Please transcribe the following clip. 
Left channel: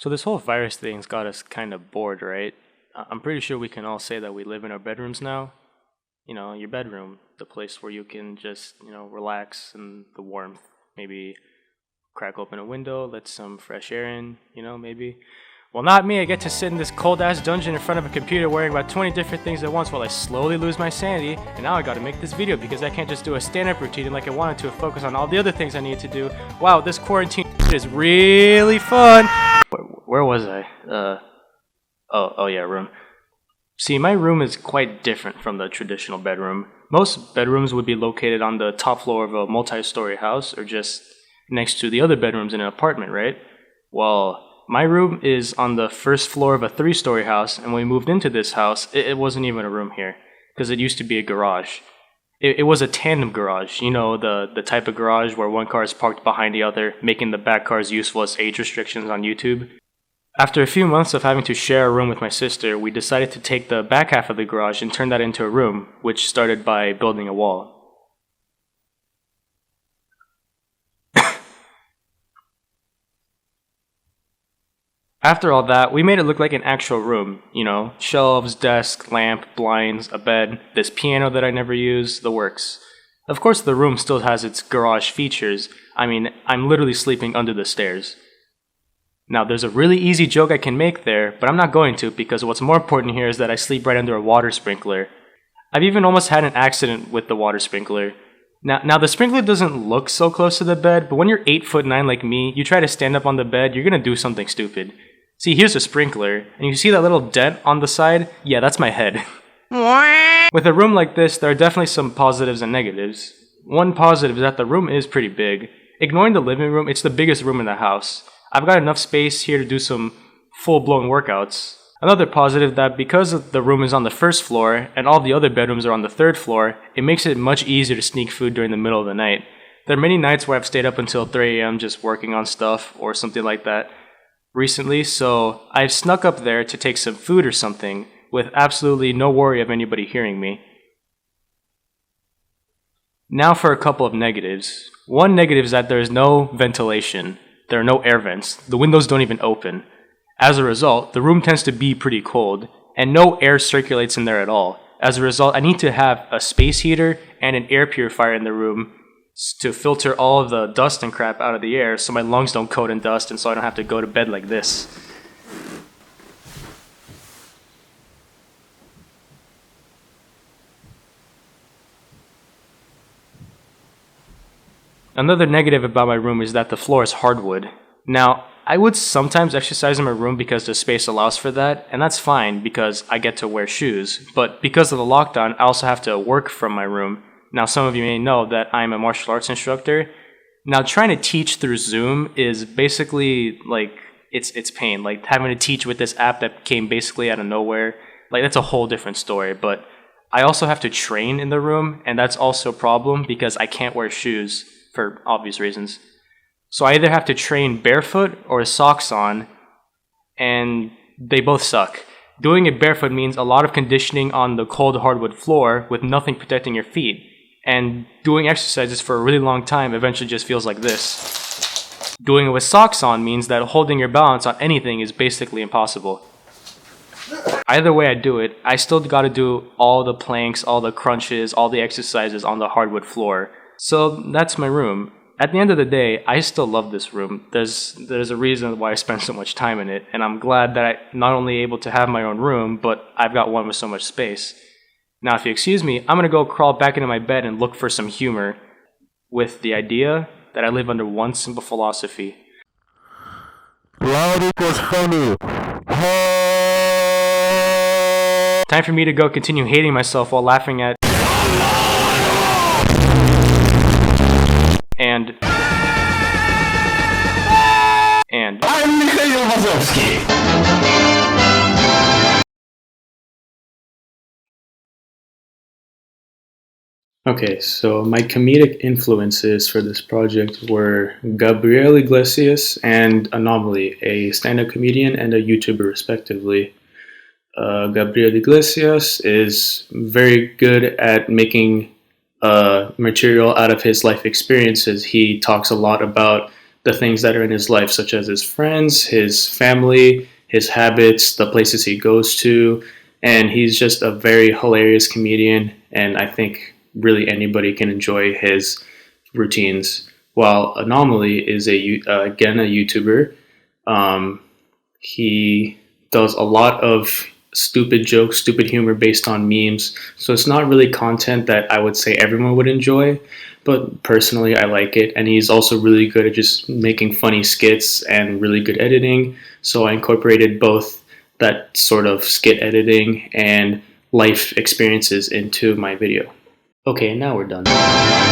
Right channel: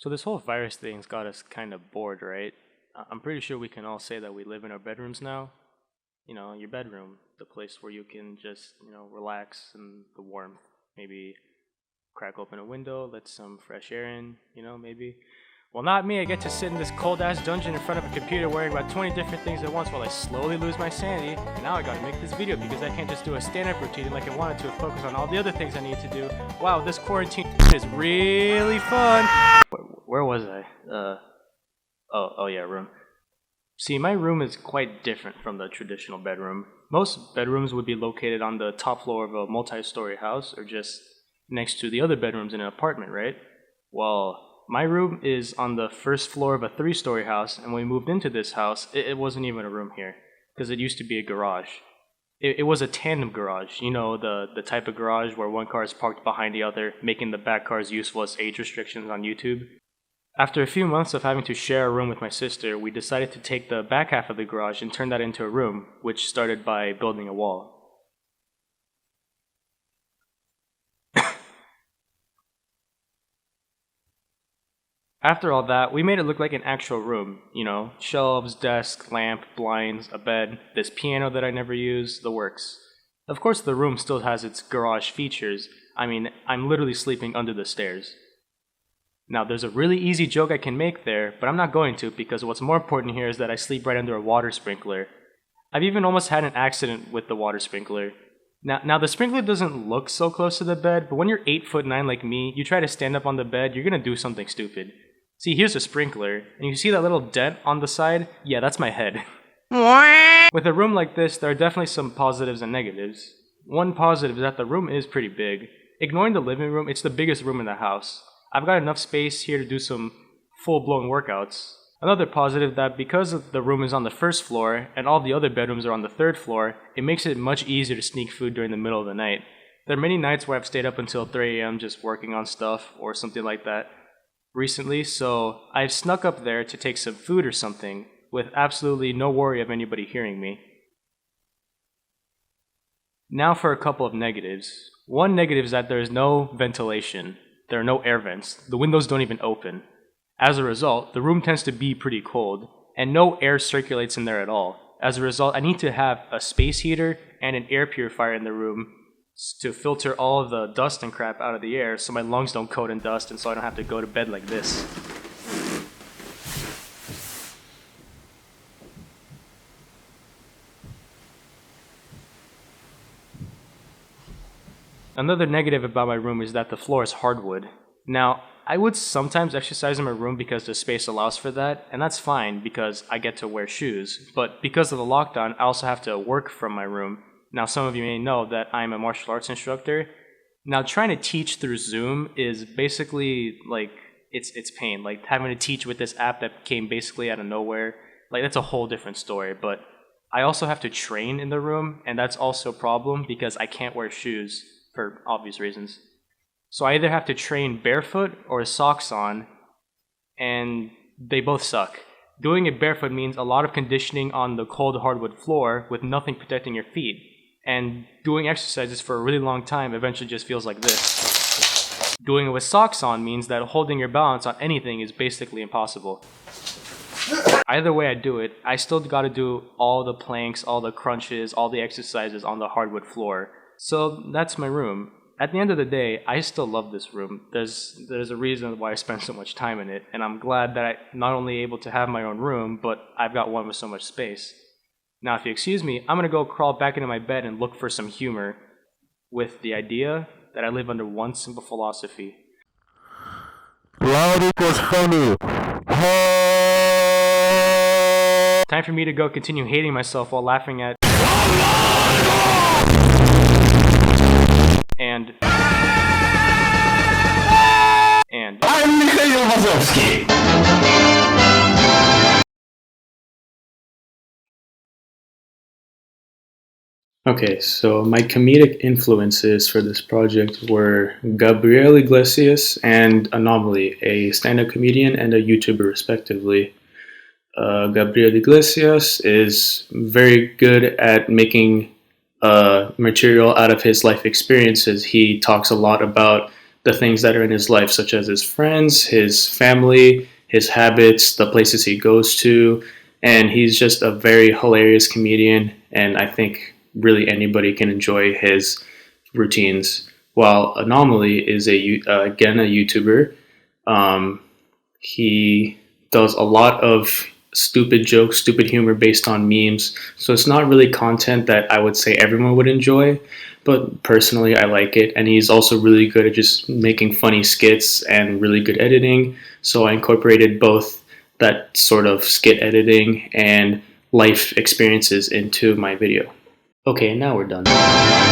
So this whole virus thing's got us kind of bored, right? I'm pretty sure we can all say that we live in our bedrooms now. You know, your bedroom, the place where you can just, relax in the warmth. Maybe crack open a window, let some fresh air in, maybe. Well, not me. I get to sit in this cold ass dungeon in front of a computer wearing about 20 different things at once while I slowly lose my sanity. And now I gotta make this video because I can't just do a stand-up routine like I wanted to and focus on all the other things I need to do. Wow, this quarantine is really fun. Where was I? Oh yeah, room. See, my room is quite different from the traditional bedroom. Most bedrooms would be located on the top floor of a multi-story house or just next to the other bedrooms in an apartment, right? Well, my room is on the first floor of a 3-story house, and when we moved into this house, it wasn't even a room here, because it used to be a garage. It was a tandem garage, the type of garage where one car is parked behind the other, making the back cars useful as age restrictions on YouTube. After a few months of having to share a room with my sister, we decided to take the back half of the garage and turn that into a room, which started by building a wall. After all that, we made it look like an actual room, shelves, desk, lamp, blinds, a bed, this piano that I never use, the works. Of course, the room still has its garage features. I mean, I'm literally sleeping under the stairs. Now, there's a really easy joke I can make there, but I'm not going to because what's more important here is that I sleep right under a water sprinkler. I've even almost had an accident with the water sprinkler. Now the sprinkler doesn't look so close to the bed, but when you're 8'9" like me, you try to stand up on the bed, you're gonna do something stupid. See, here's a sprinkler, and you see that little dent on the side? Yeah, that's my head. With a room like this, there are definitely some positives and negatives. One positive is that the room is pretty big. Ignoring the living room, it's the biggest room in the house. I've got enough space here to do some full-blown workouts. Another positive that because the room is on the first floor and all the other bedrooms are on the third floor, it makes it much easier to sneak food during the middle of the night. There are many nights where I've stayed up until 3 a.m. just working on stuff or something like that recently, so I've snuck up there to take some food or something with absolutely no worry of anybody hearing me. Now for a couple of negatives. One negative is that there is no ventilation. There are no air vents. The windows don't even open. As a result, the room tends to be pretty cold, and no air circulates in there at all. As a result, I need to have a space heater and an air purifier in the room to filter all of the dust and crap out of the air so my lungs don't coat in dust and so I don't have to go to bed like this. Another negative about my room is that the floor is hardwood. Now, I would sometimes exercise in my room because the space allows for that, and that's fine because I get to wear shoes. But because of the lockdown, I also have to work from my room. Now, some of you may know that I'm a martial arts instructor. Now, trying to teach through Zoom is basically like, it's pain. Like, having to teach with this app that came basically out of nowhere, like, that's a whole different story. But I also have to train in the room, and that's also a problem because I can't wear shoes for obvious reasons. So I either have to train barefoot or socks on, and they both suck. Doing it barefoot means a lot of conditioning on the cold hardwood floor with nothing protecting your feet. And doing exercises for a really long time eventually just feels like this. Doing it with socks on means that holding your balance on anything is basically impossible. Either way I do it, I still gotta do all the planks, all the crunches, all the exercises on the hardwood floor. So that's my room. At the end of the day, I still love this room. There's a reason why I spend so much time in it, and I'm glad that I'm not only able to have my own room, but I've got one with so much space. Now, if you excuse me, I'm gonna go crawl back into my bed and look for some humor with the idea that I live under one simple philosophy. Loud equals funny. Time for me to go continue hating myself while laughing at and I'm Mikhail Vazovsky. Okay, so my comedic influences for this project were Gabriel Iglesias and Anomaly, a stand-up comedian and a YouTuber respectively. Gabriel Iglesias is very good at making material out of his life experiences. He talks a lot about the things that are in his life, such as his friends, his family, his habits, the places he goes to, and he's just a very hilarious comedian, and I think really anybody can enjoy his routines. While Anomaly is again a YouTuber. He does a lot of stupid jokes, stupid humor based on memes. So it's not really content that I would say everyone would enjoy, but personally I like it. And he's also really good at just making funny skits and really good editing. So I incorporated both that sort of skit editing and life experiences into my video. Okay, now we're done.